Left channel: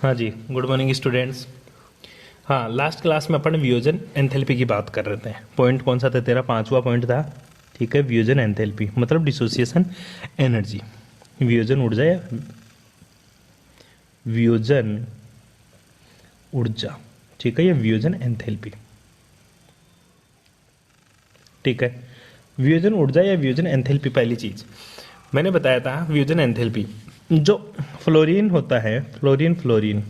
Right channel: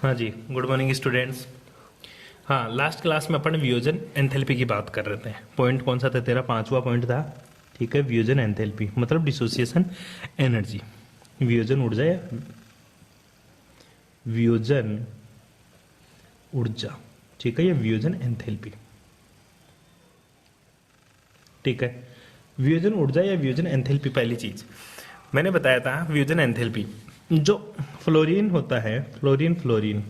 हाँ जी, good morning students. हाँ, last class में अपन वियोजन एंथैल्पी की बात कर रहे थे। पॉइंट कौन सा था तेरा? 5वां पॉइंट था, ठीक है, वियोजन एंथैल्पी मतलब डिसोसिएशन एनर्जी। वियोजन ऊर्जा या वियोजन ऊर्जा, ठीक है, ये वियोजन एंथैल्पी, ठीक है। वियोजन ऊर्जा या वियोजन एंथैल्पी, पहली चीज मैंने बताया था वियोजन एंथैल्पी, जो फ्लोरीन होता है, fluorine fluorine,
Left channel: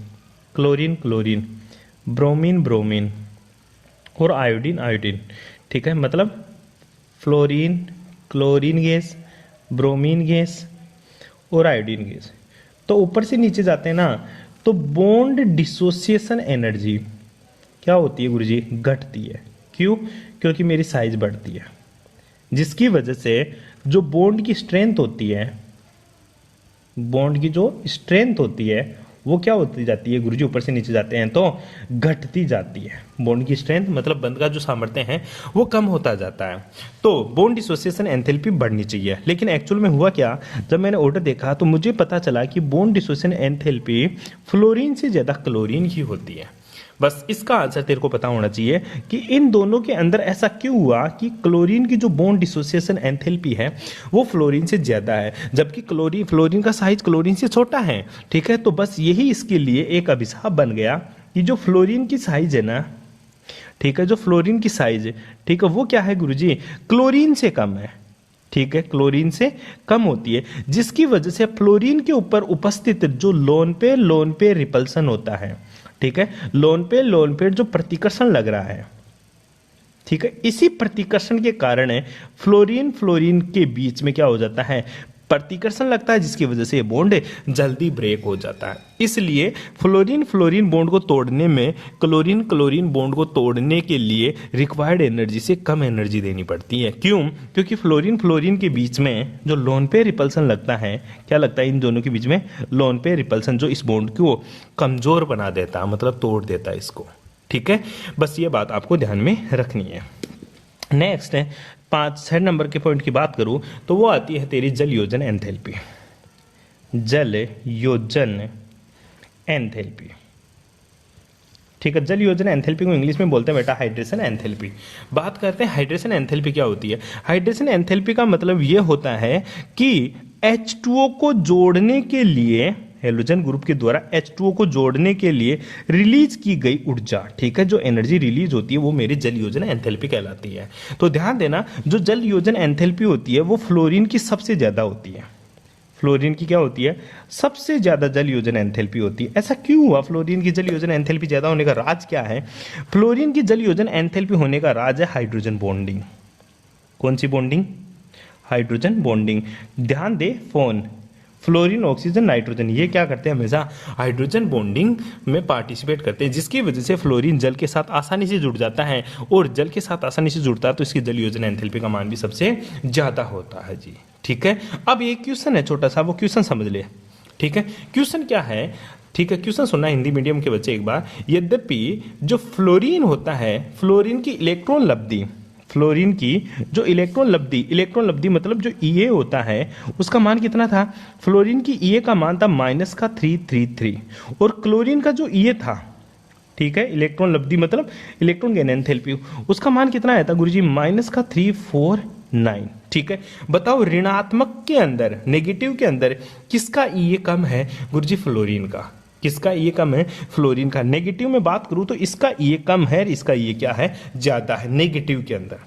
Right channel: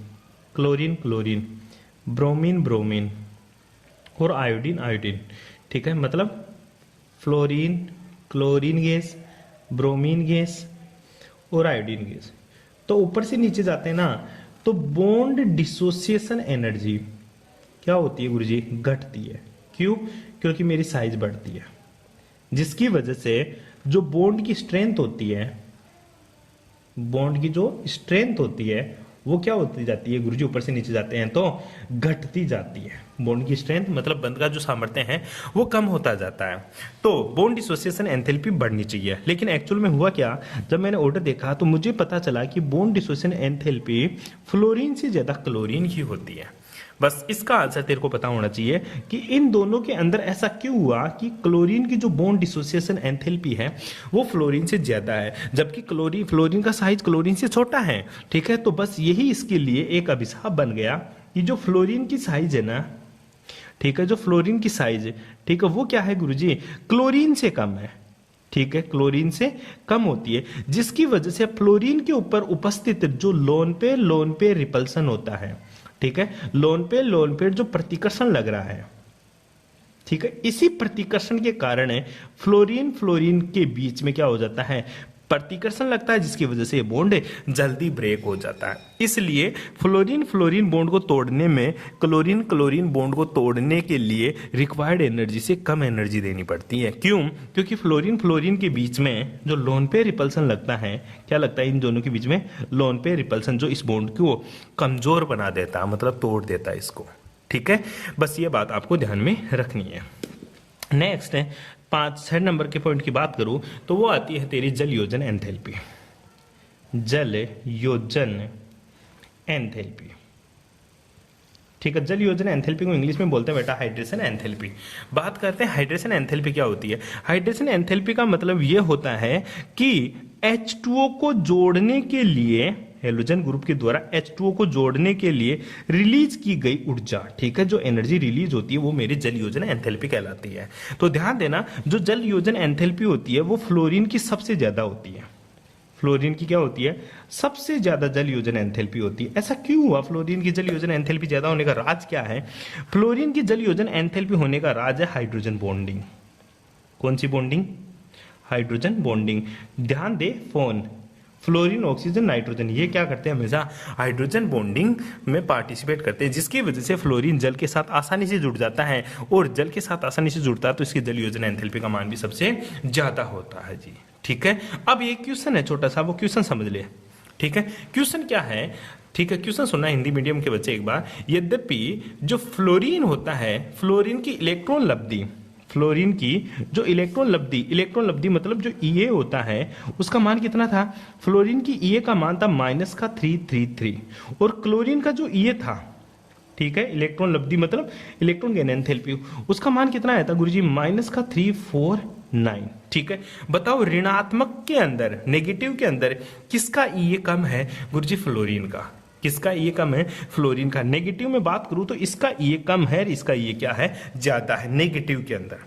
chlorine chlorine, bromine bromine और आयोडीन आयोडीन, ठीक है, मतलब fluorine, chlorine gas, bromine gas और आयोडीन गैस। तो ऊपर से नीचे जाते हैं ना, तो बॉन्ड डिसोसिएशन एनर्जी क्या होती है गुरुजी? घटती है। क्यों? क्योंकि मेरी साइज बढ़ती है, जिसकी वजह से जो बॉन्ड की स्ट्रेंथ होती है, बॉन्ड की जो स्ट्रेंथ होती है वो क्या होती जाती है गुरुजी? ऊपर से नीचे जाते हैं तो घटती जाती है। बॉन्ड की स्ट्रेंथ मतलब बंध का जो सामर्थ्य है वो कम होता जाता है। तो बॉन्ड डिसोसिएशन एंथैल्पी बढ़नी चाहिए, लेकिन एक्चुअल में हुआ क्या? जब मैंने ऑर्डर देखा तो मुझे पता चला कि बॉन्ड डिसोसिएशन एंथैल्पी फ्लोरीन से ज्यादा क्लोरीन की होती है। बस इसका आंसर तेरे को पता होना चाहिए कि इन दोनों के अंदर ऐसा क्यों हुआ कि क्लोरीन की जो बॉन्ड डिसोसिएशन एंथैल्पी है वो फ्लोरीन से ज्यादा है, जबकि फ्लोरीन का साइज क्लोरीन से छोटा है, ठीक है। तो बस यही इसके लिए एक अभिशाप बन गया कि जो फ्लोरीन की साइज है ना, ठीक है, जो फ्लोरीन की साइज है, ठीक है, वो क्या है गुरुजी? क्लोरीन से कम है, ठीक है, क्लोरीन से कम होती है, जिसकी वजह से फ्लोरीन के ऊपर उपस्थित जो लोन पे रिपल्सन होता है, ठीक है, लोन पे जो प्रतिकर्षण लग रहा है, ठीक है, इसी प्रतिकर्षण के कारण फ्लोरीन फ्लोरीन के बीच में क्या हो जाता है? प्रतिकर्षण लगता है, जिसकी वजह से ये बॉन्ड जल्दी ब्रेक हो जाता है। इसलिए फ्लोरीन फ्लोरीन बॉन्ड को तोड़ने में क्लोरीन क्लोरीन बॉन्ड को तोड़ने के लिए रिक्वायर्ड एनर्जी से कम एनर्जी देनी पड़ती है। क्यों? क्योंकि फ्लोरीन फ्लोरीन के बीच में जो लोन पे रिपल्सन लगता है, क्या लगता है इन दोनों के बीच में? लोन पे रिपल्सन, जो इस बॉन्ड को कमजोर बना देता है, मतलब तोड़ देता है इसको, ठीक है। बस ये बात आपको ध्यान में रखनी है। नेक्स्ट है 6 नंबर के पॉइंट की बात करूं तो वो आती है तेरी जल योजन एंथैल्पी। जल योजन एंथैल्पी, ठीक है, जल योजन एंथैल्पी को इंग्लिश में बोलते हैं बेटा हाइड्रेशन एंथैल्पी। बात करते हैं हाइड्रेशन एंथैल्पी क्या होती है। हाइड्रेशन एंथैल्पी का मतलब ये होता है कि H2O को जोड़ने के लिए, हेलोजन ग्रुप के द्वारा H2O को जोड़ने के लिए रिलीज की गई ऊर्जा, ठीक है, जो एनर्जी रिलीज होती है वो मेरी जल योजन एंथैल्पी कहलाती है। तो ध्यान देना, जो जल योजन एंथैल्पी होती है वो फ्लोरीन की सबसे ज्यादा होती है। फ्लोरीन की क्या होती है? सबसे ज्यादा जल योजन एंथैल्पी होती है। ऐसा क्यों हुआ? फ्लोरीन की जल योजन एंथैल्पी ज्यादा होने का राज क्या है? फ्लोरीन की जल योजन एंथैल्पी होने का राज है हाइड्रोजन बॉन्डिंग। कौन सी बॉन्डिंग? Hydrogen bonding. ध्यान दे, फोन, फ्लोरीन ऑक्सीजन नाइट्रोजन, ये क्या करते हैं? हमेशा हाइड्रोजन बॉन्डिंग में पार्टिसिपेट करते हैं, जिसकी वजह से फ्लोरीन जल के साथ आसानी से जुड़ जाता है, और जल के साथ आसानी से जुड़ता है तो इसकी जल योजन एंथैल्पी का मान भी सबसे ज्यादा होता है जी, ठीक है। अब एक क्वेश्चन है छोटा सा, वो क्वेश्चन समझ ले, ठीक है। क्वेश्चन क्या है? ठीक है, क्वेश्चन सुनना हिंदी मीडियम के बच्चे एक बार। यद्यपि जो फ्लोरीन होता है, फ्लोरीन की इलेक्ट्रॉन लब्धि, फ्लोरीन की जो इलेक्ट्रॉन लब्धि मतलब जो ईए होता है उसका मान कितना था? फ्लोरीन की ईए का मान था -333, और क्लोरीन का जो ईए था, ठीक है, इलेक्ट्रॉन लब्धि मतलब इलेक्ट्रॉन गेन एंथैल्पी, उसका मान कितना आया था गुरुजी? -349, ठीक है। बताओ ऋणात्मक के अंदर, नेगेटिव के अंदर किसका ईए कम है गुरुजी? फ्लोरीन का। किसका ईए कम है? फ्लोरीन का। नेगेटिव में बात करूं तो इसका ईए कम है, इसका ईए क्या है? ज्यादा है नेगेटिव के अंदर।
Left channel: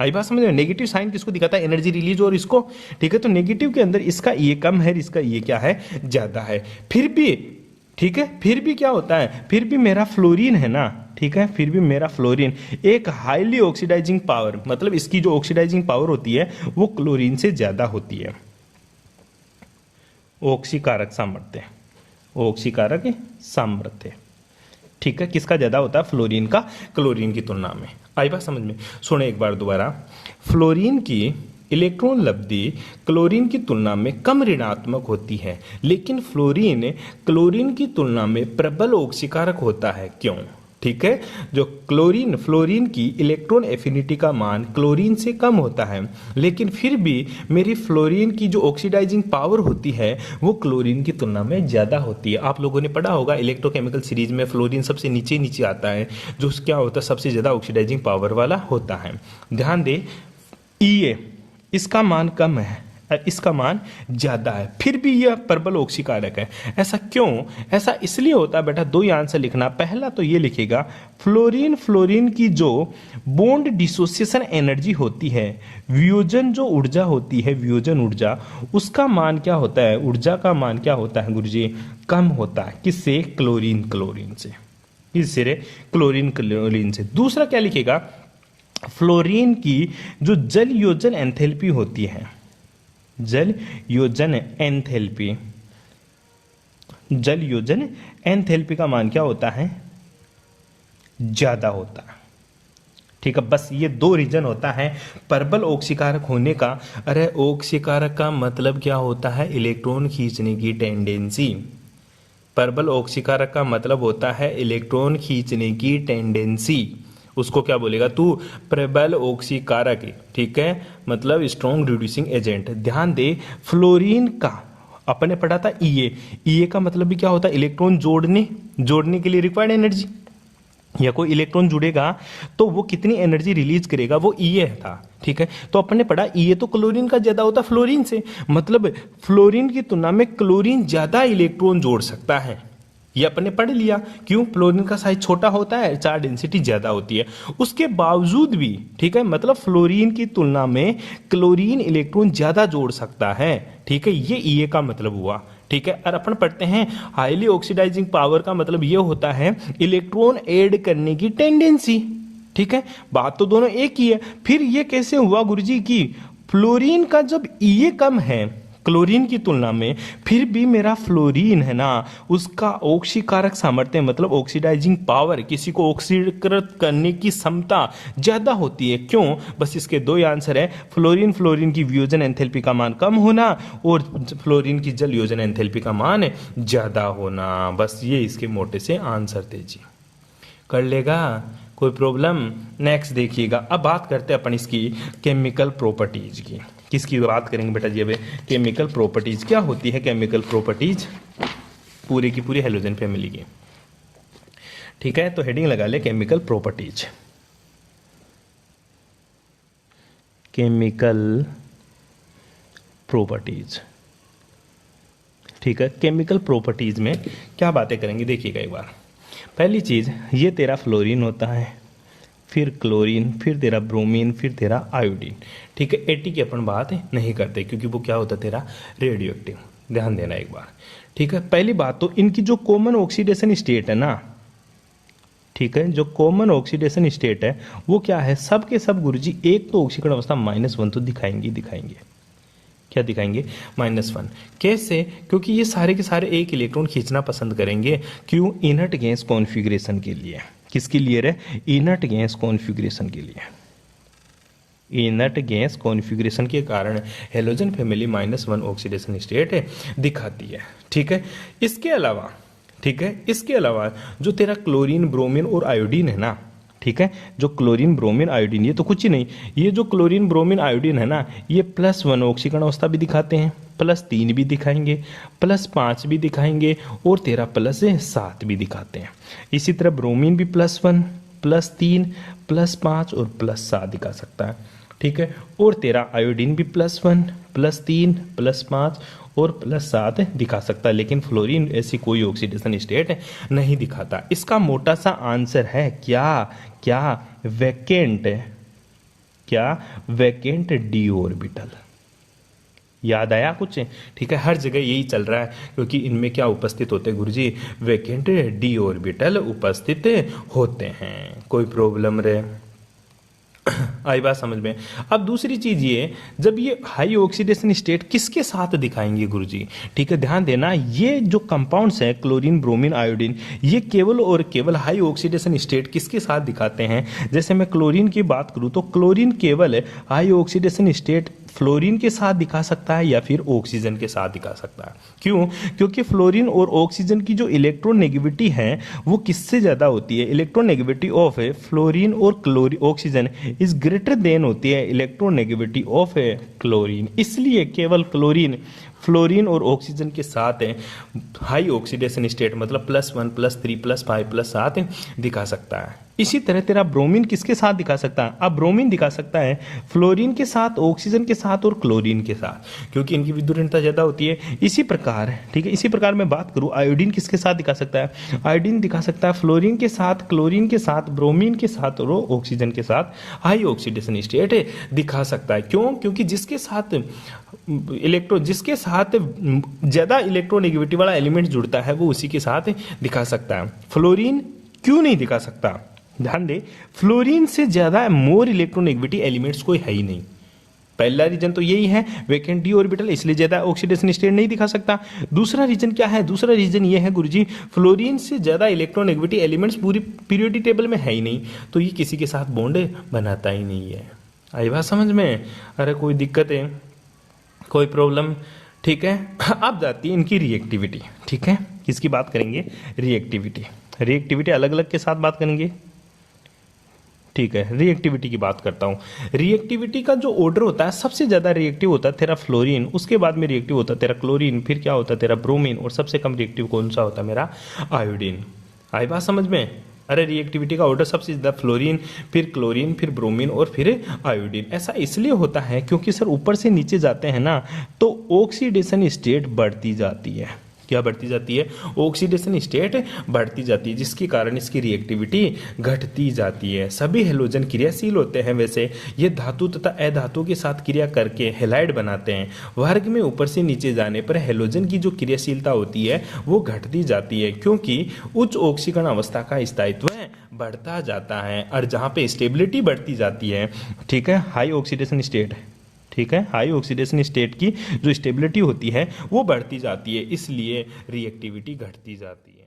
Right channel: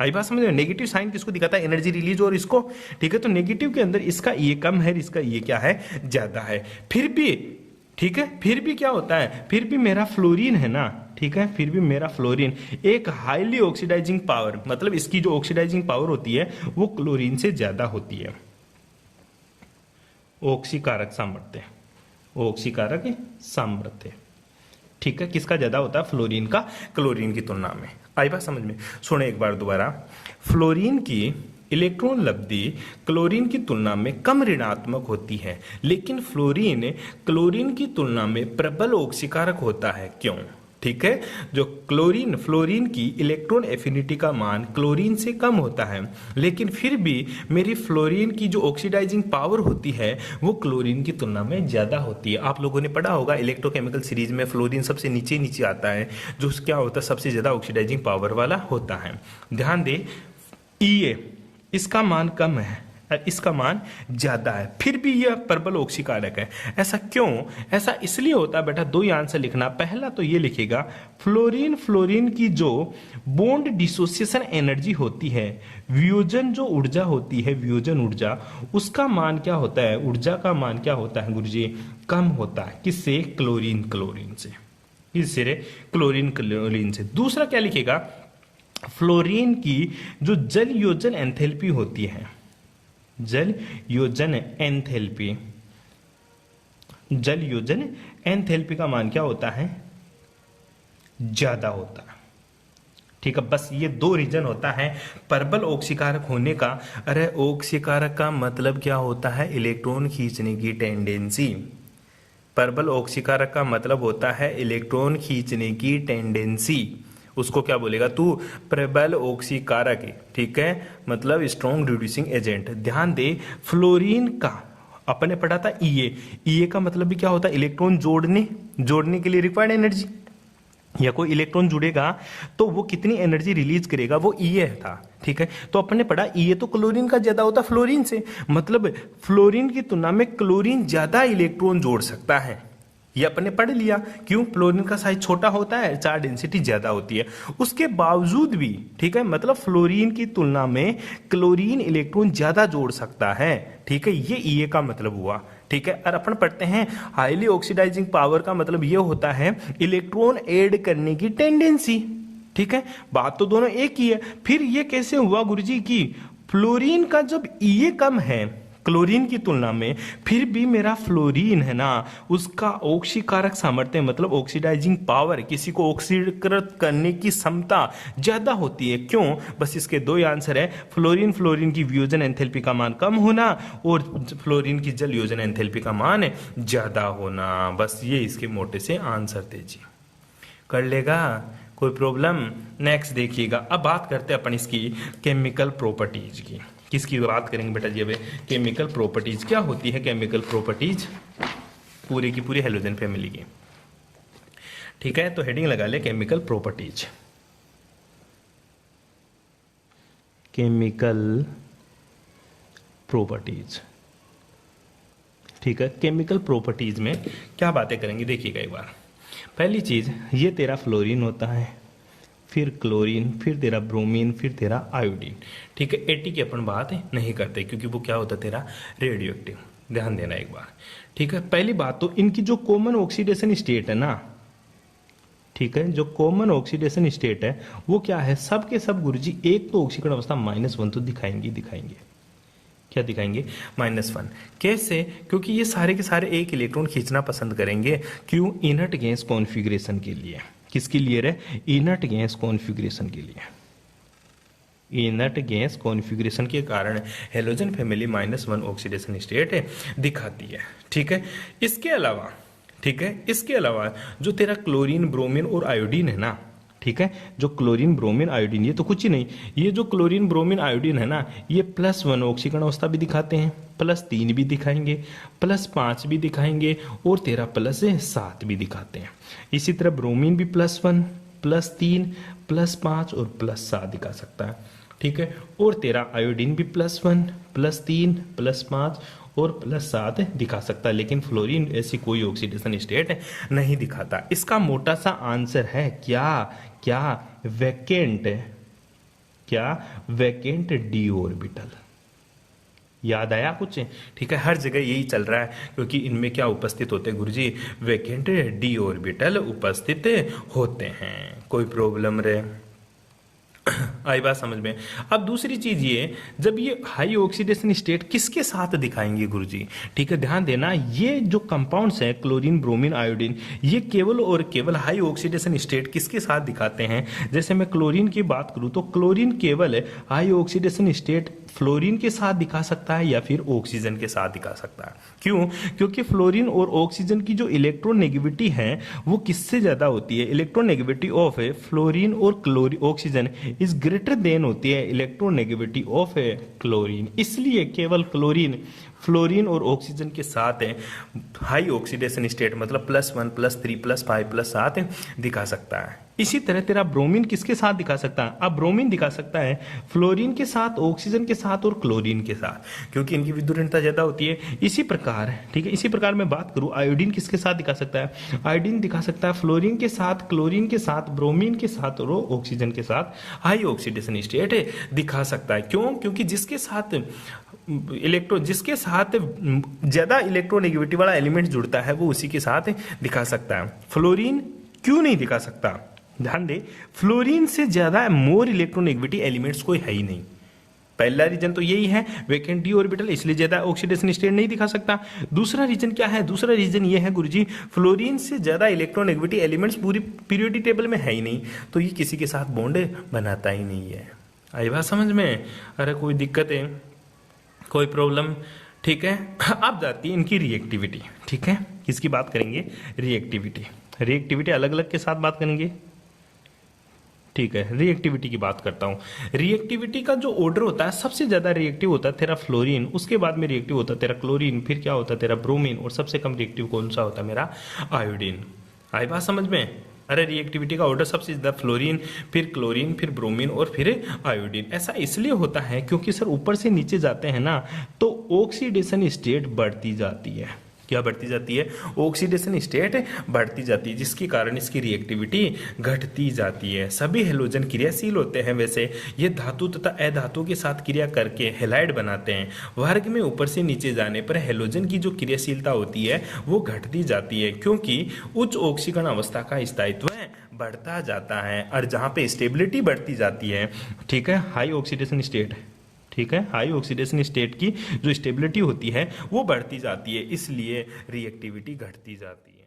आई बात समझ रहे हो? नेगेटिव साइन किसको दिखाता है? एनर्जी रिलीज और इसको, ठीक है। तो नेगेटिव के अंदर इसका ईए कम है, इसका ईए क्या है? ज्यादा है। फिर भी, ठीक है, फिर भी क्या होता है? फिर भी मेरा फ्लोरीन है ना, ठीक है, फिर भी मेरा फ्लोरीन एक हाईली ऑक्सीडाइजिंग पावर, मतलब इसकी जो ऑक्सीडाइजिंग पावर होती है वो क्लोरीन से ज्यादा होती है। ऑक्सीकारक सामर्थ्य, ऑक्सीकारक सामर्थ्य, ठीक है, किसका ज्यादा होता है? फ्लोरीन का, क्लोरीन की तुलना में। आई बात समझ में? सुने एक बार दोबारा। फ्लोरीन की इलेक्ट्रॉन लब्धि क्लोरीन की तुलना में कम ऋणात्मक होती है, लेकिन फ्लोरीन क्लोरीन की तुलना में प्रबल ऑक्सीकारक होता है। क्यों? ठीक है। जो क्लोरीन फ्लोरीन की इलेक्ट्रॉन एफिनिटी का मान क्लोरीन से कम होता है, लेकिन फिर भी मेरी फ्लोरीन की जो ऑक्सीडाइजिंग पावर होती है वो क्लोरीन की तुलना में ज्यादा होती है। आप लोगों ने पढ़ा होगा इलेक्ट्रोकेमिकल सीरीज में फ्लोरीन सबसे नीचे नीचे आता है, जो क्या होता है सबसे ज्यादा ऑक्सीडाइजिंग पावर वाला होता है। ध्यान दे, ई इसका मान कम है, इसका मान ज्यादा है, फिर भी यह प्रबल ऑक्सीकारक है। ऐसा क्यों? ऐसा इसलिए होता है बेटा, दो ही आंसर लिखना। पहला तो ये लिखेगा, फ्लोरीन फ्लोरीन की जो बॉन्ड डिसोसिएशन एनर्जी होती है, वियोजन जो ऊर्जा होती है, वियोजन ऊर्जा, उसका मान क्या होता है, ऊर्जा का मान क्या होता है गुरुजी, कम होता है। किससे? क्लोरीन क्लोरीन से। किससे? क्लोरीन क्लोरीन से। दूसरा क्या लिखेगा, फ्लोरीन की जो जल योजन एंथैल्पी होती है, जल योजन एंथैल्पी, जल योजन एंथैल्पी का मान क्या होता है, ज्यादा होता है। ठीक है, बस ये दो रीजन होता है प्रबल ऑक्सीकारक होने का। अरे ऑक्सीकारक का मतलब क्या होता है, इलेक्ट्रॉन खींचने की टेंडेंसी। प्रबल ऑक्सीकारक का मतलब होता है इलेक्ट्रॉन खींचने की टेंडेंसी। उसको क्या बोलेगा तू, प्रबल ऑक्सीकारक। ठीक है, मतलब स्ट्रॉन्ग रिड्यूसिंग एजेंट। ध्यान दे, फ्लोरीन का अपने पढ़ा था ईए का मतलब भी क्या होता है, इलेक्ट्रॉन जोड़ने के लिए रिक्वायर्ड एनर्जी। या कोई इलेक्ट्रॉन जुड़ेगा तो वो कितनी एनर्जी रिलीज करेगा, वो ईए था। ठीक है, तो अपन ने पढ़ा ईए तो क्लोरीन का ज्यादा होता है फ्लोरीन से, मतलब फ्लोरीन की तुलना में क्लोरीन ज्यादा इलेक्ट्रॉन जोड़ सकता है। ये अपने पढ़ लिया। क्यों? फ्लोरीन का साइज छोटा होता है, चार्ज डेंसिटी ज्यादा होती है। उसके बावजूद भी, ठीक है, मतलब फ्लोरीन की तुलना में क्लोरीन इलेक्ट्रॉन ज्यादा जोड़ सकता है। ठीक है, ये ईए का मतलब हुआ। ठीक है, और अपन पढ़ते हैं हाईली ऑक्सीडाइजिंग पावर का मतलब ये होता है इलेक्ट्रॉन ऐड करने की टेंडेंसी। ठीक है, बात तो दोनों एक ही है। फिर ये कैसे हुआ गुरुजी की फ्लोरीन का जब ईए कम है क्लोरीन की तुलना में, फिर भी मेरा फ्लोरीन है ना, उसका ऑक्सीकारक सामर्थ्य मतलब ऑक्सीडाइजिंग पावर, किसी को ऑक्सीकृत करने की क्षमता ज्यादा होती है। क्यों? बस इसके दो ही आंसर है, फ्लोरीन फ्लोरीन की वियोजन एंथैल्पी का मान कम होना और फ्लोरीन की जल योजन एंथैल्पी का मान ज्यादा होना। बस ये इसके मोटे से आंसर थे जी। कर लेगा, कोई प्रॉब्लम? नेक्स्ट देखिएगा, अब बात करते हैं अपन इसकी केमिकल प्रॉपर्टीज की। किसकी बात करेंगे बेटा जी? अब केमिकल प्रॉपर्टीज क्या होती है, केमिकल प्रॉपर्टीज पूरी की पूरी हेलोजन फैमिली की। ठीक है, तो हेडिंग लगा ले केमिकल प्रॉपर्टीज। केमिकल प्रॉपर्टीज, ठीक है, केमिकल प्रॉपर्टीज में क्या बातें करेंगे देखिएगा एक बार। पहली चीज, ये तेरा फ्लोरीन होता है, फिर क्लोरीन, फिर तेरा ब्रोमीन, फिर तेरा आयोडीन। ठीक है, एटी की अपन बात नहीं करते क्योंकि वो क्या होता है तेरा रेडियो एक्टिव। ध्यान देना एक बार। ठीक है, पहली बात तो इनकी जो कॉमन ऑक्सीडेशन स्टेट है ना, ठीक है, जो कॉमन ऑक्सीडेशन स्टेट है वो क्या है, सब के सब गुरुजी एक तो ऑक्सीकरण अवस्था -1 तो दिखाएंगे। क्या दिखाएंगे? -1। कैसे? क्योंकि ये सारे के सारे एक इलेक्ट्रॉन खींचना पसंद करेंगे। क्यों? इनर्ट गैस कॉन्फ़िगरेशन के लिए। किसके लिए रे? इनर्ट गैस कॉन्फ़िगरेशन के लिए। इनर्ट गैस कॉन्फ़िगरेशन के कारण हेलोजन फैमिली -1 ऑक्सीडेशन स्टेट दिखाती है। ठीक है, इसके अलावा, ठीक है, इसके अलावा जो तेरा क्लोरीन ब्रोमीन और आयोडीन है ना, ठीक है, जो क्लोरीन ब्रोमीन आयोडीन, ये तो कुछ ही नहीं, ये जो क्लोरीन ब्रोमीन आयोडीन है ना, ये +1 ऑक्सीकरण अवस्था भी दिखाते हैं, +3 भी दिखाएंगे, +5 भी दिखाएंगे और तेरा +7 भी दिखाते हैं। इसी तरह ब्रोमीन भी +1, +3, +5 और +7 दिखा सकता है। ठीक है, और तेरा आयोडीन भी +1, +3, +5 और +7 दिखा सकता है, लेकिन फ्लोरीन ऐसी कोई ऑक्सीडेशन स्टेट नहीं दिखाता। इसका मोटा सा आंसर है क्या वैकेंट, क्या वैकेंट डी ऑर्बिटल। याद आया कुछ? ठीक है, हर जगह यही चल रहा है क्योंकि इनमें क्या उपस्थित होते हैं गुरुजी, वैकेंट डी ऑर्बिटल उपस्थित होते हैं। कोई प्रॉब्लम रे? आई बात समझ में। अब दूसरी चीज ये, जब ये हाई ऑक्सीडेशन स्टेट किसके साथ दिखाएंगे गुरुजी, ठीक है, ध्यान देना, ये जो कंपाउंड्स हैं क्लोरीन, ब्रोमीन, आयोडीन, ये केवल और केवल हाई ऑक्सीडेशन स्टेट किसके साथ दिखाते हैं। जैसे मैं क्लोरीन की बात करूं तो क्लोरीन केवल हाई ऑक्सीडेशन स्टेट फ्लोरीन के साथ दिखा सकता है या फिर ऑक्सीजन के साथ दिखा सकता है। क्यों? क्योंकि फ्लोरीन और ऑक्सीजन की जो इलेक्ट्रोनेगेटिविटी है वो किससे ज्यादा होती है, इलेक्ट्रोनेगेटिविटी ऑफ फ्लोरीन और ऑक्सीजन इज ग्रेटर देन होती है इलेक्ट्रोनेगेटिविटी ऑफ क्लोरीन। इसलिए केवल क्लोरीन फ्लोरीन और ऑक्सीजन के साथ हाई ऑक्सीडेशन स्टेट मतलब +1 +3 +5 +7 दिखा सकता है। इसी तरह तेरा ब्रोमीन किसके साथ दिखा सकता है, अब ब्रोमीन दिखा सकता है फ्लोरीन के साथ, ऑक्सीजन के साथ और क्लोरीन के साथ, क्योंकि इनकी विद्युत ज्यादा होती है। इसी प्रकार, ठीक है, इसी प्रकार मैं बात करूं आयोडीन किसके साथ दिखा सकता है, आयोडीन दिखा सकता है फ्लोरीन के साथ, क्लोरीन के साथ, ब्रोमीन के साथ और ऑक्सीजन के साथ हाई ऑक्सीडेशन स्टेट दिखा सकता है। क्यों? क्योंकि जिसके साथ ज्यादा इलेक्ट्रोनेगेटिविटी वाला एलिमेंट जुड़ता है वो उसी के साथ दिखा सकता है। फ्लोरीन क्यों नहीं दिखा सकता, ध्यान दे, फ्लोरीन से ज्यादा मोर इलेक्ट्रोनेगेटिविटी एलिमेंट्स कोई है ही नहीं। पहला रीजन तो यही है, वैकेंट डी ऑर्बिटल, इसलिए ज्यादा ऑक्सीडेशन स्टेट नहीं दिखा सकता। दूसरा रीजन क्या है, दूसरा रीजन ये है गुरुजी, फ्लोरीन से ज्यादा इलेक्ट्रोनेगेटिविटी एलिमेंट्स पूरी पीरियोडिक टेबल में है ही नहीं, तो ये किसी के साथ बॉन्ड बनाता ही नहीं है। आई बात समझ में? अरे कोई दिक्कत है, कोई प्रॉब्लम? ठीक है, अब जाती है इनकी रिएक्टिविटी। ठीक है, किसकी बात करेंगे, रिएक्टिविटी। रिएक्टिविटी अलग अलग के साथ बात करेंगे। ठीक है, रिएक्टिविटी की बात करता हूं। रिएक्टिविटी का जो ऑर्डर होता है, सबसे ज्यादा रिएक्टिव होता है तेरा फ्लोरीन, उसके बाद में रिएक्टिव होता है तेरा क्लोरीन, फिर क्या होता है तेरा ब्रोमीन, और सबसे कम रिएक्टिव कौन सा होता है मेरा आयोडीन। आई बात समझ में? अरे रिएक्टिविटी का ऑर्डर सबसे ज्यादा फ्लोरीन, फिर क्लोरीन, फिर ब्रोमीन और फिर आयोडीन। ऐसा इसलिए होता है क्योंकि सर ऊपर से नीचे जाते हैं ना तो ऑक्सीडेशन स्टेट बढ़ती जाती है। क्या बढ़ती जाती है? ऑक्सीडेशन स्टेट बढ़ती जाती है, जिसके कारण इसकी रिएक्टिविटी घटती जाती है। सभी हेलोजन क्रियाशील होते हैं, वैसे ये धातु तथा अधातु के साथ क्रिया करके हेलाइड बनाते हैं। वर्ग में ऊपर से नीचे जाने पर हेलोजन की जो क्रियाशीलता होती है वो घटती जाती है, क्योंकि उच्च ऑक्सीकरण अवस्था का स्थायित्व बढ़ता जाता है। और जहां पे स्टेबिलिटी बढ़ती जाती है, ठीक है, हाई ऑक्सीडेशन स्टेट, ठीक है, हाई ऑक्सीडेशन स्टेट की जो स्टेबिलिटी होती है वो बढ़ती जाती है, इसलिए रिएक्टिविटी घटती जाती है।